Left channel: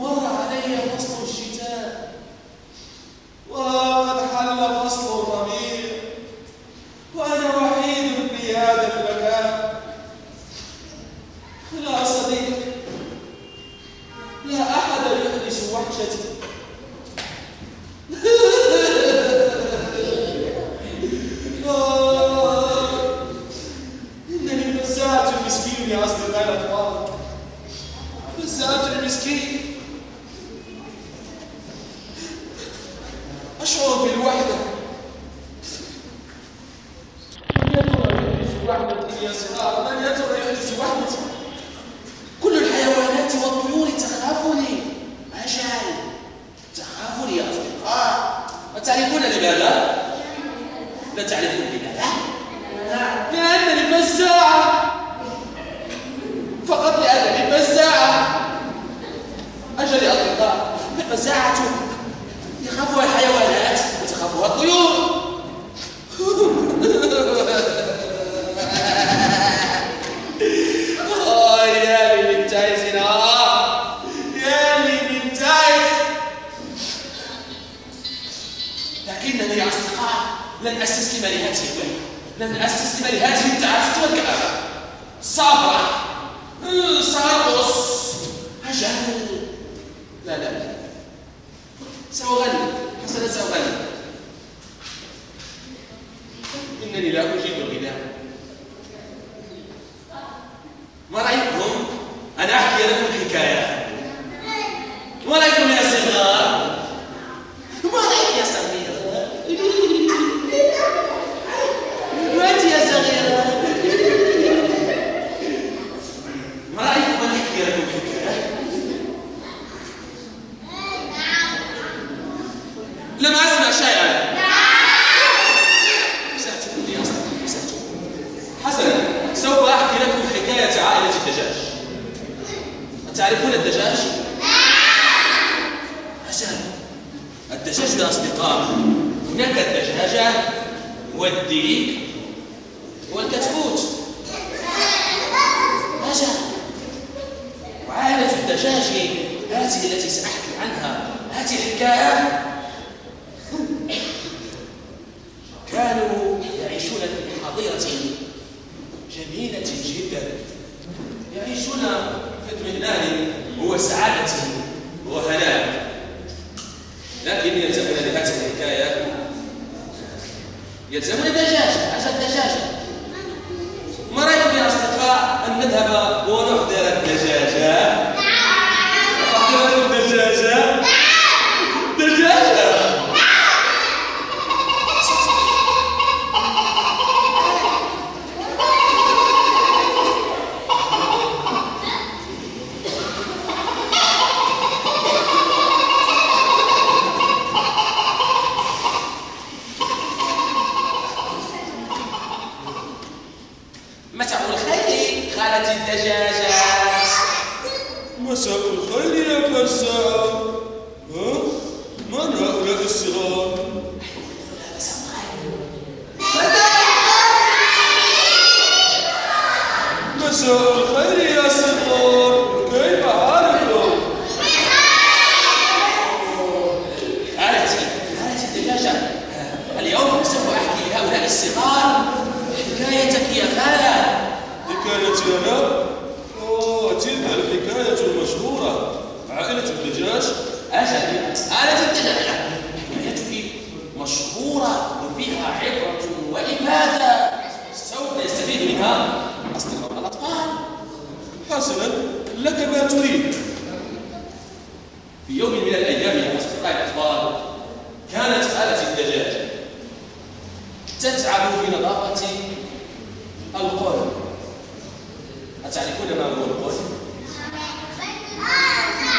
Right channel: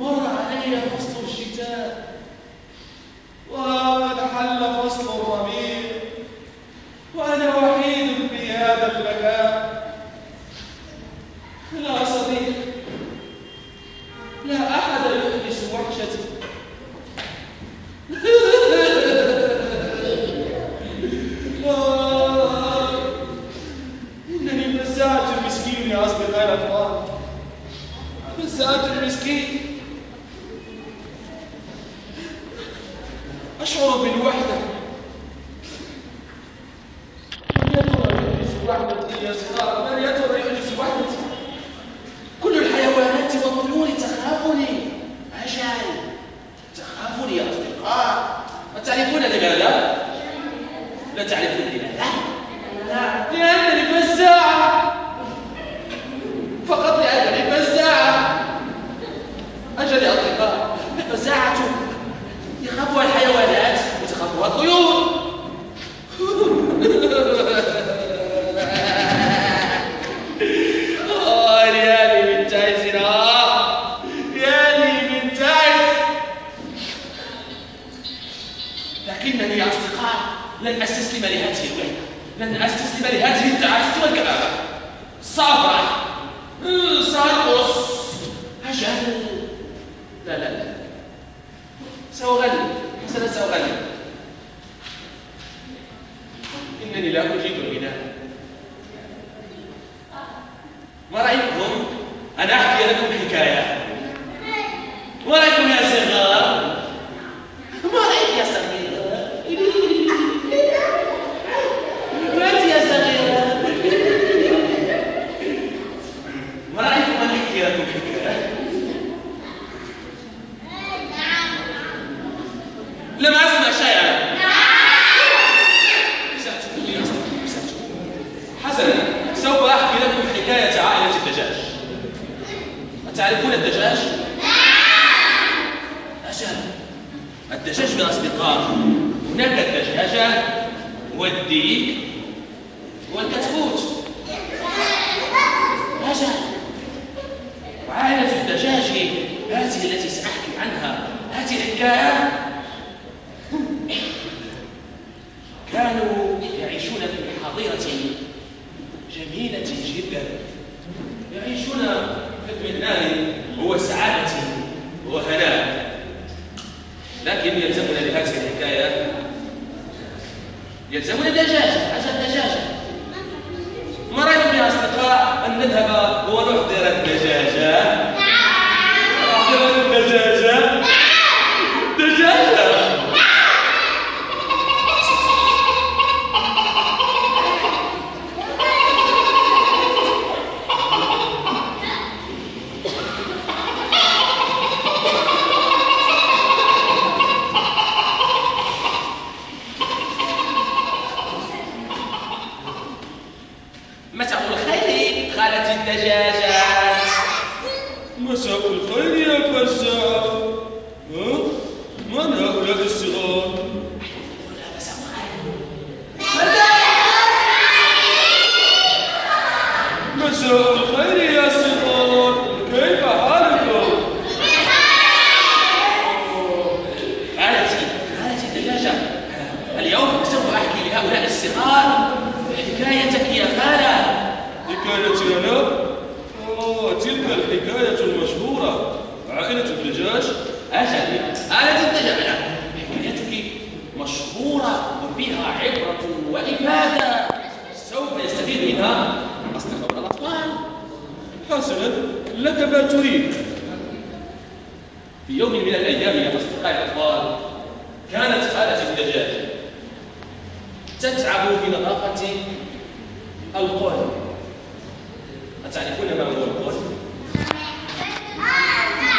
ومر علي فصل الشتاء وقد حل فصل الربيع وأنا وحيد في هذا المكان. لا صديق، لا أحد يحدث وحشتي. إنني فزاعة مسكين يا أصدقائي الأطفال، فزاعة مسكين. أشعر بالوحدة. من يا ترى يحدث وحدتي يا صغار؟ من يا ترى يحدث وحدتي؟ كل الحيوانات والطيور تخافني. أجل تخافني يا أصدقاء. أتعرفون لماذا؟ لا تعرفون لماذا؟ لأنني فزاعة، فقط لأنني فزاعة. أجل يا أصدقاء، الفزاعة يخافها الحيوانات وتخافها الطيور. يا لي من تعيس، يا لي من تعيس. لكنني يا أصدقاء لن أستسلم لهذه الوحدة، لن أستسلم لهذه التعاسة والكآبة. سأفرح، سأرقص. أجل لا لا لا، سأغني. حسنا سأغني. إنني لا أجيد الغناء. ما رأيكم أن أحكي لكم حكاية؟ ما رأيكم يا صغار؟ ما رأيك يا صغيرة؟ وأنت يا صغيرة؟ ما رأيكم أن أحكي لكم حكاية؟ لم أسمع شيئا. أسأتكم يا أصدقائي، أسأتكم. حسنا، سوف أحكي لكم حكاية عائلة الدجاج. أتعرفون الدجاج؟ أجل، الدجاج يا أصدقاء، هناك الدجاجة والديك والكتكوت. أجل، وعائلة الدجاج هذه التي سأحكي عنها، هذه الحكاية. كانوا يعيشون في حظيرة جميلة جدا، يعيشون في اطمئنان وسعادة وهناء. لكن يلزمنا لهذه الحكاية، يلزمنا دجاجة. عشان دجاجة. ما رأيكم يا أصدقاء أن نذهب ونحضر الدجاجة؟ نحضر الدجاجة؟ دجاجة. مساء الخير خالتي الدجاجة. مساء الخير يا فزاع. من هؤلاء الصغار؟ مساء الخير. مساء الخير يا صغار، كيف حالكم؟ خالتي الدجاجة، اليوم سوف أحكي لهؤلاء الصغار حكايتك يا خالة. حكايتي أنا؟ تلك الحكاية المشهورة، عائلة الدجاج. أجل، عائلة الدجاجة، حكايتك مشهورة وفيها عبرة وإفادة سوف يستفيد منها أصدقاء الأطفال. حسنا، لك ما تريد. في يوم من الأيام يا أصدقاء الأطفال، كانت خالة الدجاج تتعب في نظافة القول. أتعرفون ما هو القول؟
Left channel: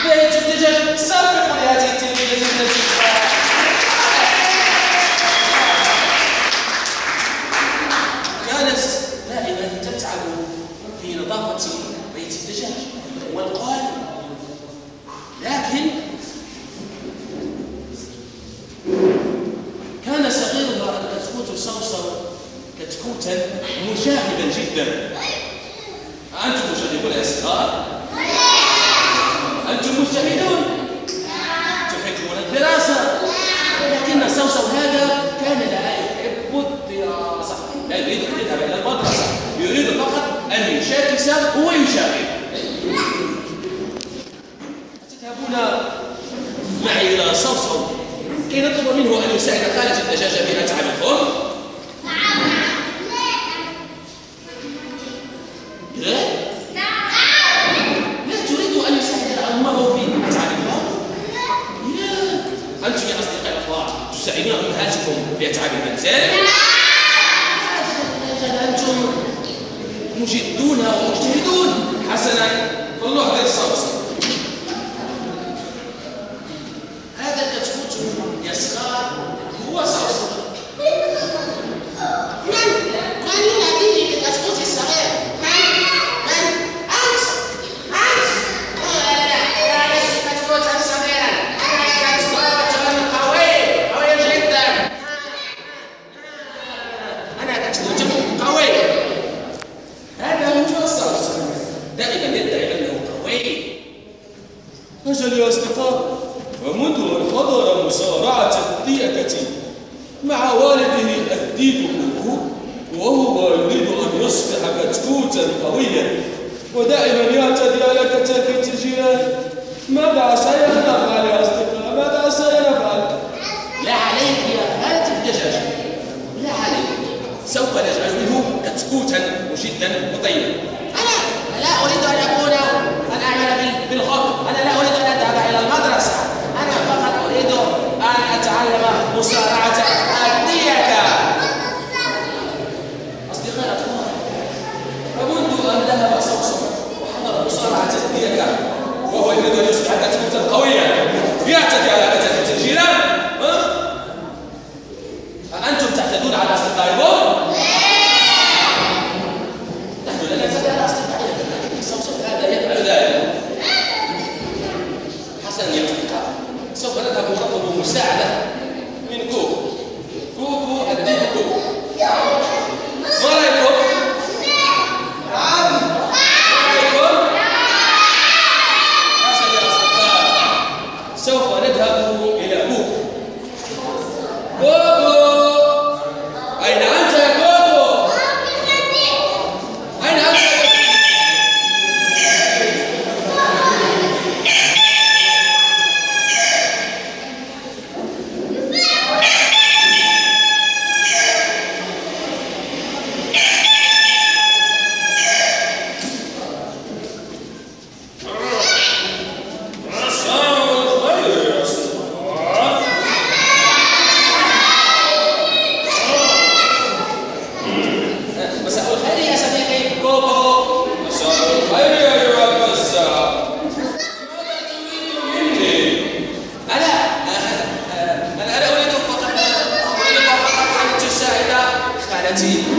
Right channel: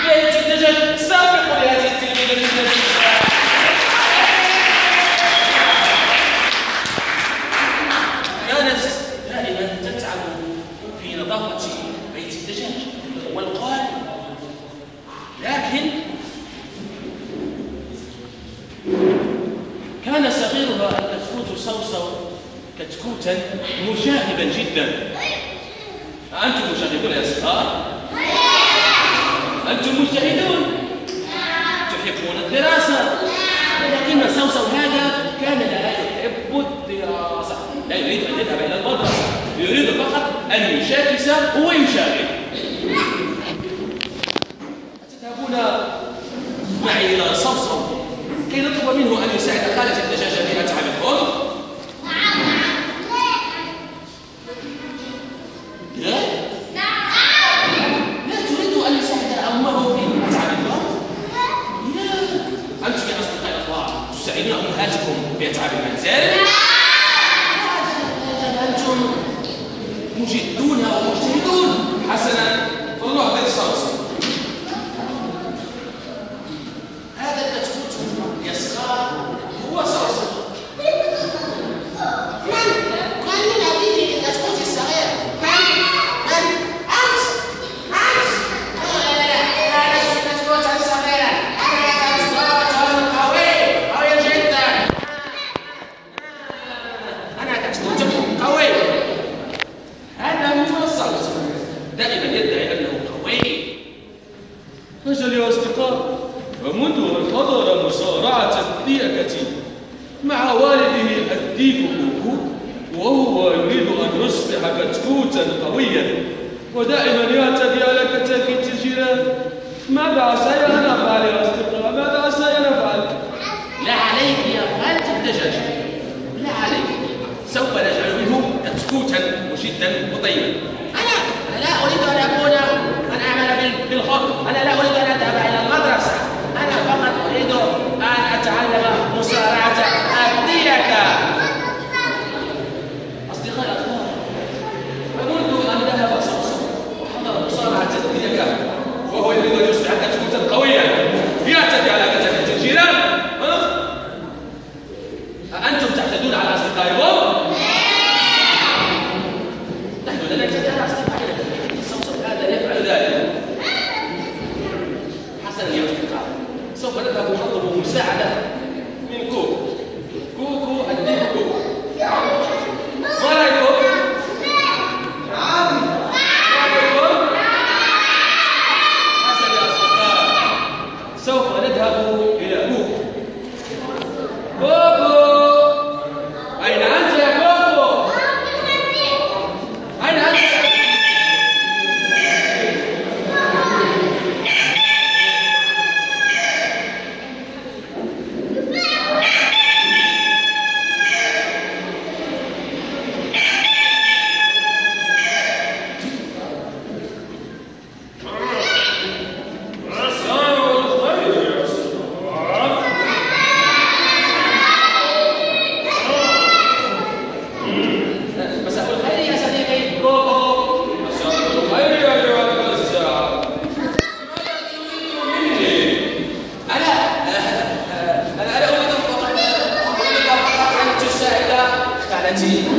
بيت الدجاج. سابقوا لهذه التلميذة التي كانت دائما تتعب في نظافة بيت الدجاج والقول. لكن كان صغيرها الكتكوت صوصو كتكوتا مشاغبا جدا. أنتم مشاغبون يا صغار؟ أنتم مجتهدون؟ يحبون الدراسة، لكن سوسو هذا كان لا يحب الدراسة، لا يريد أن يذهب إلى المدرسة، يريد فقط أن يشاكس ويشاغب. تذهبون معي إلى صوصو كي نطلب منه أن يساعد خالة الدجاجة في أتعاب الخبز؟ لا؟ لا تريد أن يساعد أمه في أتعاب الخبز؟ لا. أنتم يا أصدقائي الأخوة تساعدون أمهاتكم في أتعاب المنزل؟ لا. أنتم مجدون ومجتهدون. حسنا، فالله غير صوصو. هذا الكتكوت يا صغار هو صوصو. من يناديني بالكتكوت الصغير؟ من؟ أنت؟ لا لست كتكوتا صغيرا، أنا كتكوت قوي جدا. أنا كتكوت قوي. هذا هو الصوصو، دائما يدعي أنه قوي. أجل يا أصدقاء، ومنذ أن حضر مصارعة الديكة مع والده الديك كوكو وهو يريد أن يصبح كتكوتا قويا ودائما يعتدي على كتاكيت الجيران. ماذا سينفعل يا أصدقاء؟ ماذا سينفعل؟ لا عليك يا خالة الدجاجة، لا عليك، سوف نجعل منه كتكوتا مجدا وطيبا. أنا لا أريد أن أعمل بالخط، أنا لا أريد أن أذهب إلى المدرسة، أنا فقط أريد أن أتعلم مصارعة الديكة. أصدقائي الأطفال، ومنذ أن ذهب صوصو وحضر مصارعة الديكة وهو يريد أن يصبح كتكوتا قويا يعتدي على كتاكيت الجيران، أأنتم تعتدون على أصدقائكم؟ نحن لا نعتدي على أصدقائنا، صوصو هذا يفعل ذلك. حسنا يا أصدقاء، سوف نذهب ونطلب مساعدة من كوكو. كوكو الديك كوكو، ما رأيكم؟ نعم. ما رأيكم؟ حسنا يا أصدقاء، سوف نذهب إلى كوكو. كوكو، أين أنت يا كوكو؟ أين أنت يا كوكو؟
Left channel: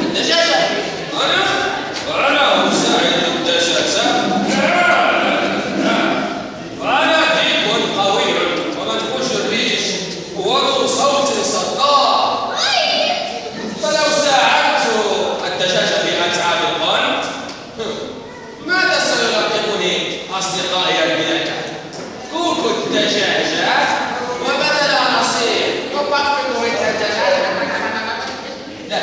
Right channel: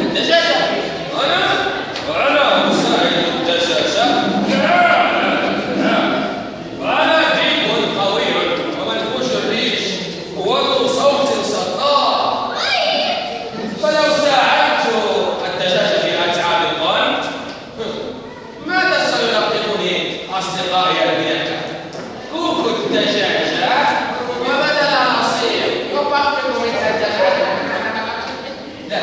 الدجاجة. أنا مساعد الدجاجة؟ أنا ديك قوي ومنفوش الريش وذو صوت صداع، فلو ساعدت الدجاجة في أتعاب القنت ماذا سيلقبني أصدقائي البنات؟ كوكو الدجاجة وبدل نصير يطفق الدجاجة. لا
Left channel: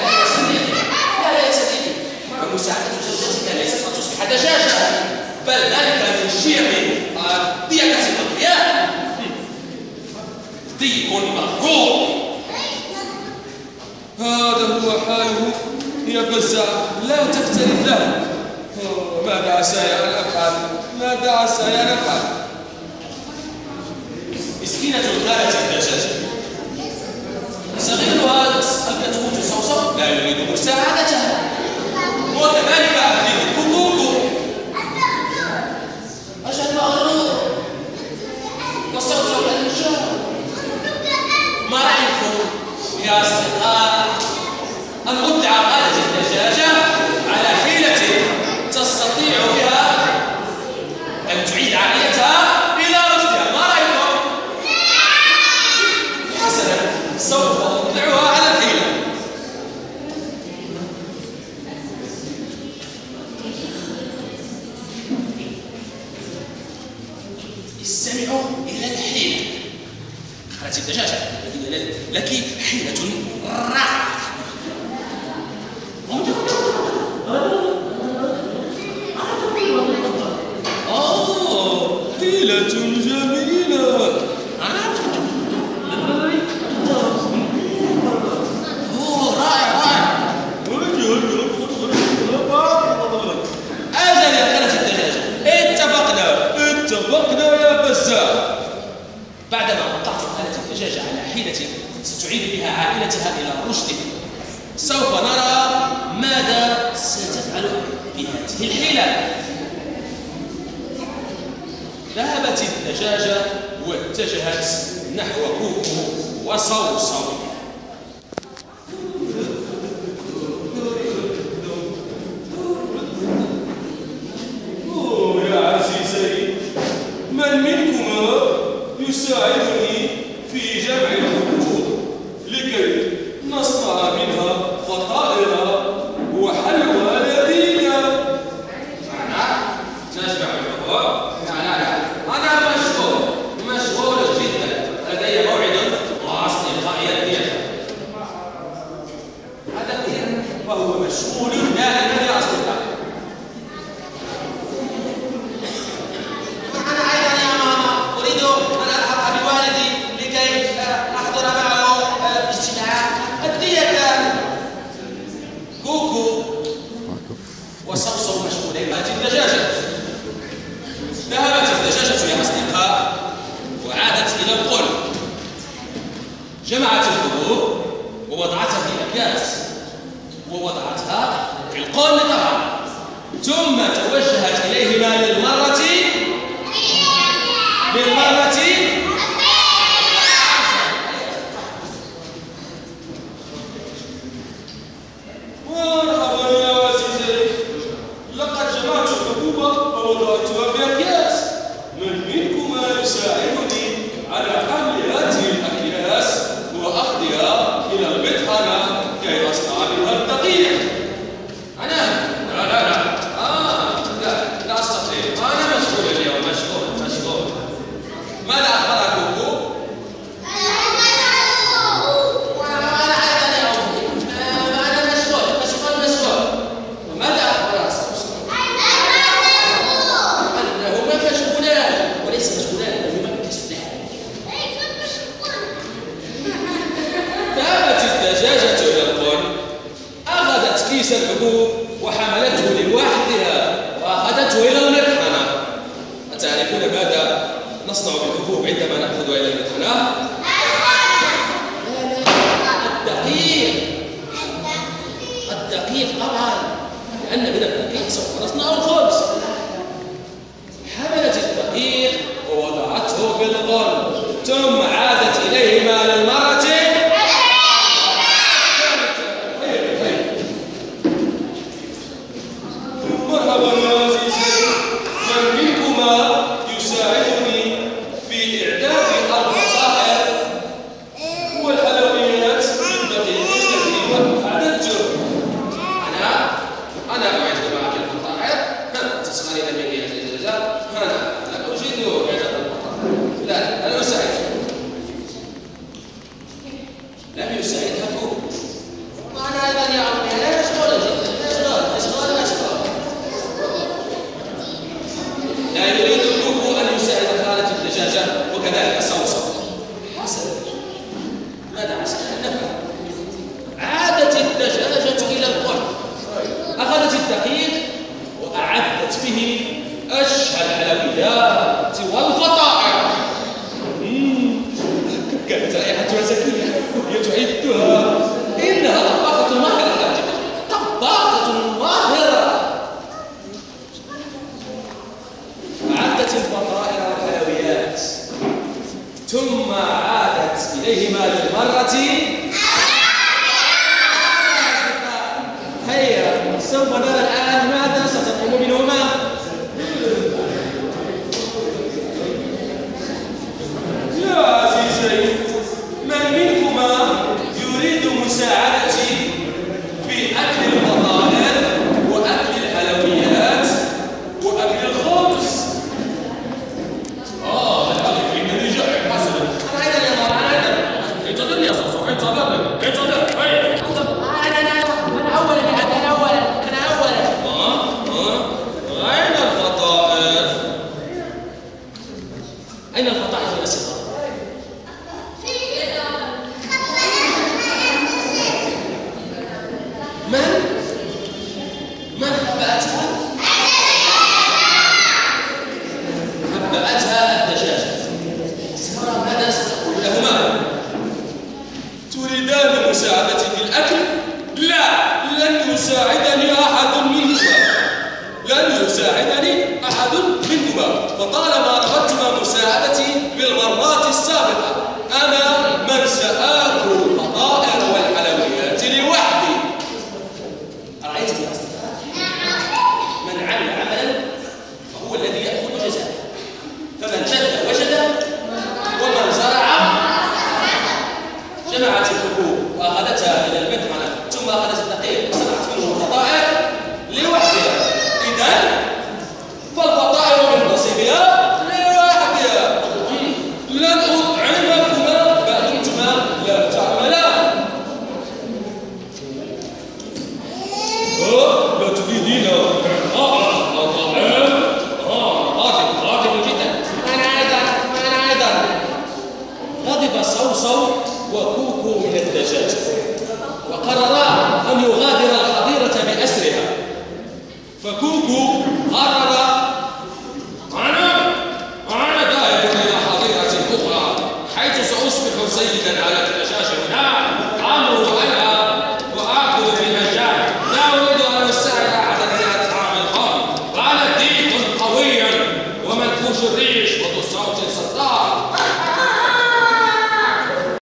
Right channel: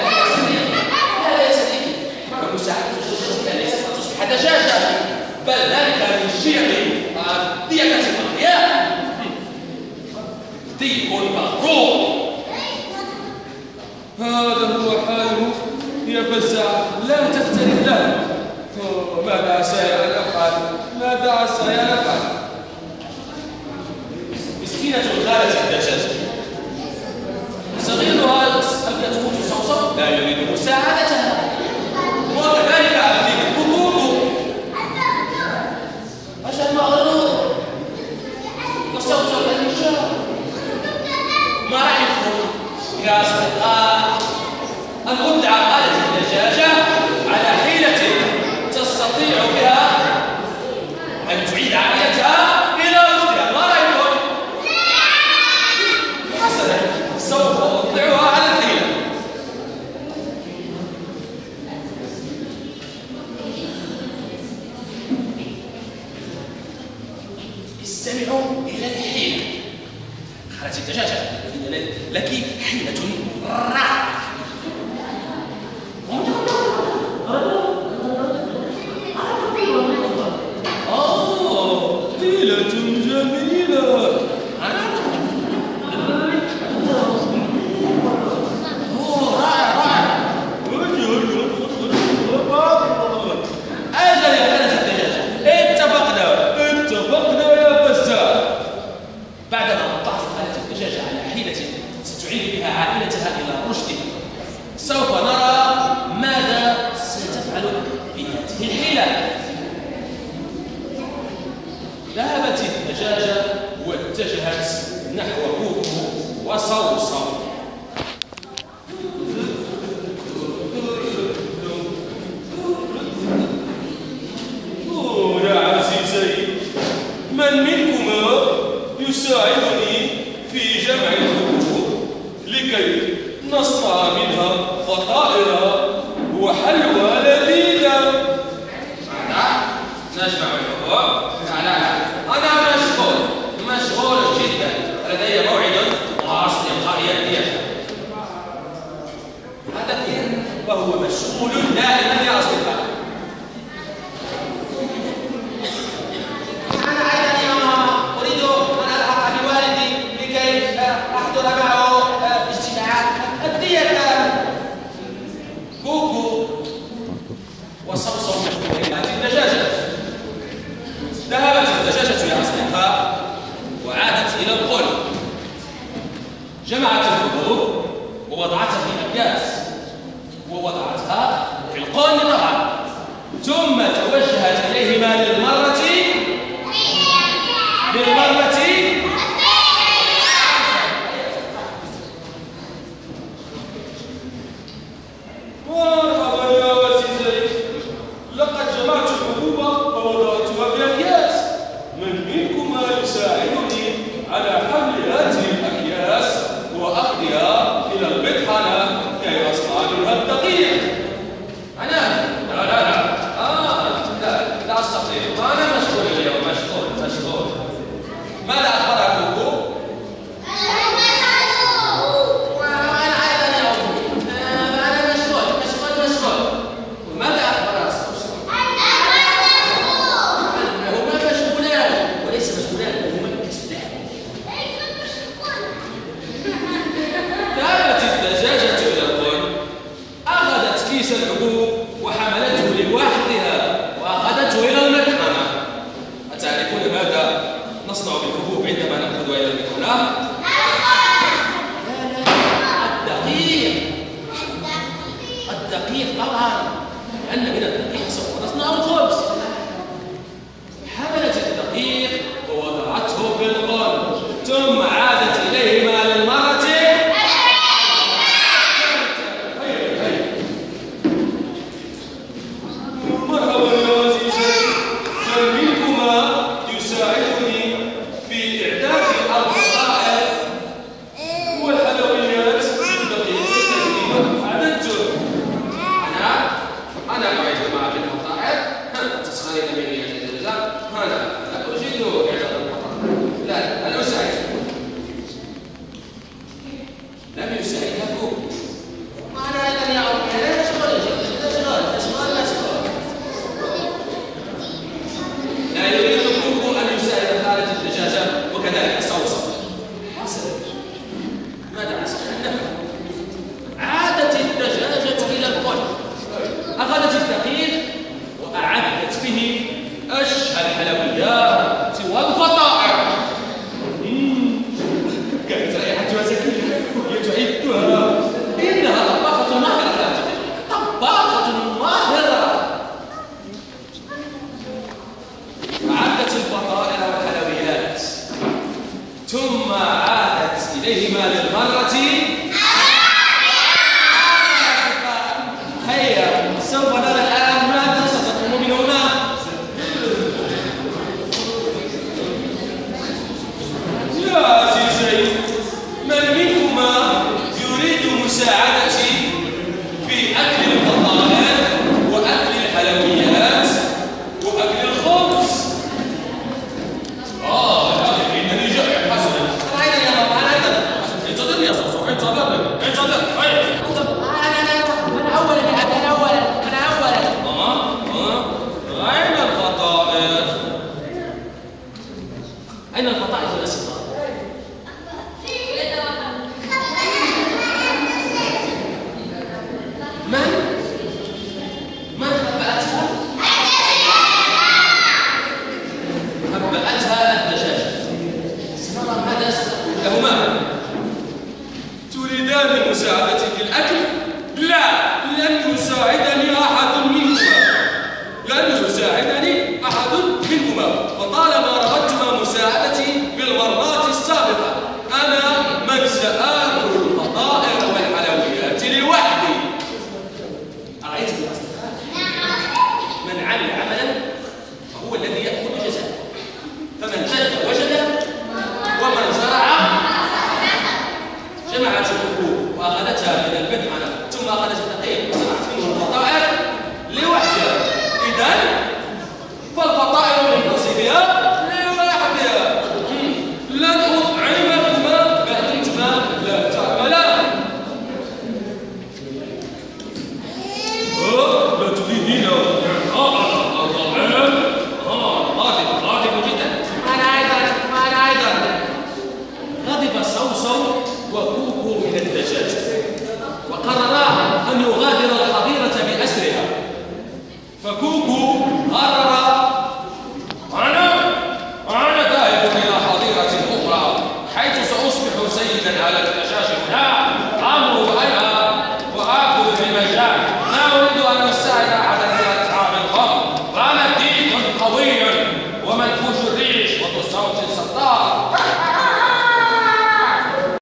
يا صديقي، فمساعدة زوجتك ليست أن تصبح دجاجة، بل ذلك من شيم الديكة الأقوياء. ديك مغرور. هذا هو حاله يا بزاع، لا تختلف له. ماذا عسى أن أفعل؟ ماذا عسى أن أفعل؟ مسكينة خالة الدجاجة، صغيرها الكتكوت صوصو لا يريد مساعدتها، وكذلك الديك كوكو. أجل مغرور وصوصو النجار. ما رأيكم يا أصدقاء أن أطلع خالة الدجاجة على حيلة تستطيع بها أن تعيد عائلتها إلى رشدها؟ ما رأيكم؟ حسنا، سوف أطلعها على الحيلة. استمعوا إلى الحيلة. خالتي الدجاجة، لدي لك حيلة رائعة. حيلة جميلة. أجل يا خالتي الدجاجة، اتفقنا يا بزاع. بعدما أطلعت خالتي الدجاجة على حيلة ستعيد بها عائلتها إلى رشدها، سوف نرى ماذا ستفعل بهذه الحيلة. ذهبت الدجاجة واتجهت نحو كوكو وصوصو. يا عزيزي، من منكما يساعدني في جمع الحبوب لكي نصنع منها فطائر وحلوى لذيذة؟ نجمع الحبوب؟ لا، أنا مشغول جدا، لدي موعد مع أصدقائي الضيافة. هذا وهو مشغول دائما يا أصدقائي. أنا أيضا يا ماما أريد أن ألحق بوالدي لكي أحضر معه اجتماع الضيافة. كوكو وصوصو مشغولين. الدجاجة ذهبت الدجاجة يا أصدقاء وعادت إلى القل، جمعت الحبوب ووضعتها في أكياس ووضعتها في القل طبعا، ثم توجهت إليهما للمرة مرحبا يا عزيزي، لقد جمعت الحبوب ووضعتها في أكياس. من منكما يساعدني على حمل هذه الأكياس وأخذها إلى المطحنة كي أصنع منها الدقيق؟ أنا؟ لا أستطيع، أنا مشغول اليوم، مشغول. ماذا أخبرك كوكو؟ وأنا أيضا يا أمي، أنا مشغول. ماذا أخبرك صوصو؟ هما مشغولان، وليس مشغولان، هما كسلان. ذهبت الدجاجة إلى القل، أخذت كيس الحبوب وحملته لوحدها وأخذته إلى المطحنة. أتعرفون ماذا نصنع بالحبوب عندما نأخذها إلى المطحنة؟ الدقيق طبعا، لأن من الدقيق سوف نصنع الخبز. حملت الدقيق ووضعته في القل، ثم عادت إليهما للمرة. مرحبا يا عزيزي، من منكما يساعدني في إعداد الفطائر والحلويات بالدقيق الذي أعددته؟ أنا أعد معك الفطائر. تسخرين مني يا دجاجة؟ أنا لا أجيد إعداد الفطائر. لا، أنا أساعدك. لم يساعدها كوكو. وأنا أيضا يا أمي مشغول جدا، مشغول. لا يريد كوكو أن يساعد خالتي الدجاجة وكذلك صوصو. حسنا، ماذا عسى أن نفعل؟ عادت الدجاجة إلى القل، أخذت الدقيق وأعدت به أشهى الحلويات والفطائر. كانت رائحتها زكية وهي تعدها. إنها طباخة ماهرة، طباخة ماهرة. أعدت الفطائر والحلويات، ثم عادت إليهما للمرة. هيا سوف نرى الآن ماذا ستقوم منهما. يا عزيزي، من منكما يريد مساعدتي في أكل الفطائر وأكل الحلويات وأكل الخبز؟ إنني جائع. حسنا، أنا أيضا يا ماما، أنا سآكل